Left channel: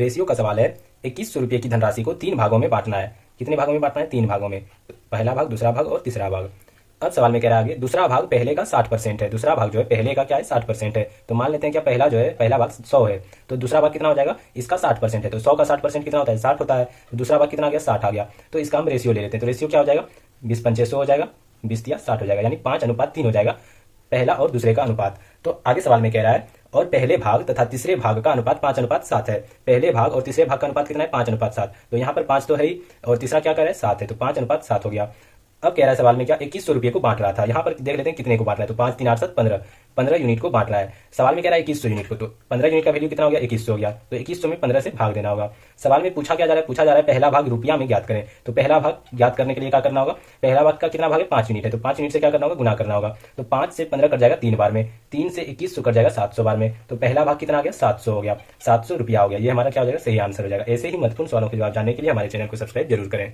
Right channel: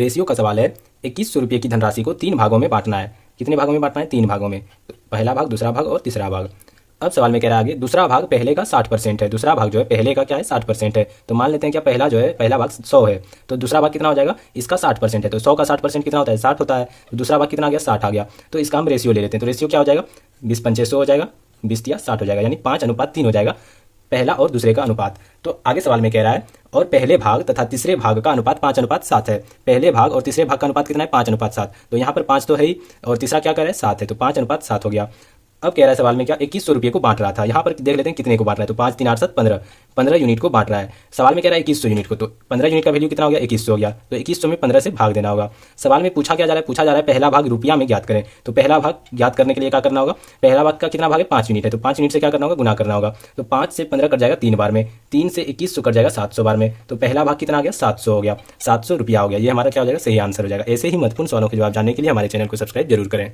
Ratio का सवाल है। 2100 रुपये की धनराशि को 3 भागों में बांटना है। कितने भागों में बांटना है? 3 भागों में। पहला भाग, दूसरा भाग और तीसरा भाग। अब सवाल में कह रहा है आगे, दूसरा भाग पहले का 60% है। दूसरा भाग जो है पहले का क्या है? 60% है। तो मान लेते हैं क्या पहला जो है, पहला भाग 100 है, तो दूसरा भाग कितना हो जाएगा? इसका 60% है, तो 100 का 60% कितना होता है? 60 होता है। तो दूसरा भाग कितना आ गया? 60 आ गया। तो इसका हम रेशियो ले लेते हैं। तो रेशियो क्या हो जाएगा? 20 × 5 = 100 हो जाएगा, 20 × 60 हो जाएगा, यानी 5:3 हो जाएगा पहला और दूसरे का अनुपात। तो आगे सवाल में कह रहा है, और पहले भाग तथा तीसरे भाग का अनुपात 5:7 है। पहले भाग और तीसरे भाग का अनुपात कितना है? 5:7। तो यहाँ पर 5 तो है ही, और तीसरा क्या कर रहा है? 7 है, तो 5:7 हो गया। अब कह रहा है सवाल में क्या, 2100 रुपये को बांट रहा था। यहाँ पर देख लेते हैं कितने को बांट रहा है। तो 5 3 8 7 15, 15 यूनिट को बांट रहा है। सवाल में कह रहा है 2100 यूनिट को, तो 15 यूनिट का वैल्यू कितना हो गया? 2100 हो गया। तो 2100 में 15 से भाग देना होगा। सवाल में पूछा क्या जा रहा है? पूछा जा रहा है पहला भाग रुपया में ज्ञात करें। तो पहला भाग ज्ञात करने के लिए क्या करना होगा? पहला भाग का कितना भाग है? 5 यूनिट है, तो 5 यूनिट से क्या करना होगा? गुना करना होगा। तो 5 से 15 कट जाएगा 3 बार में, 3 से 2100 कट जाएगा 700 बार में। तो पहला भाग कितना आ गया? 700 हो गया, 700 रुपया हो गया। ये हमारा क्या हो जाएगा? सही आंसर हो जाएगा। ऐसे ही महत्वपूर्ण सवालों के जवाब जानने के लिए हमारे चैनल को सब्सक्राइब जरूर करें।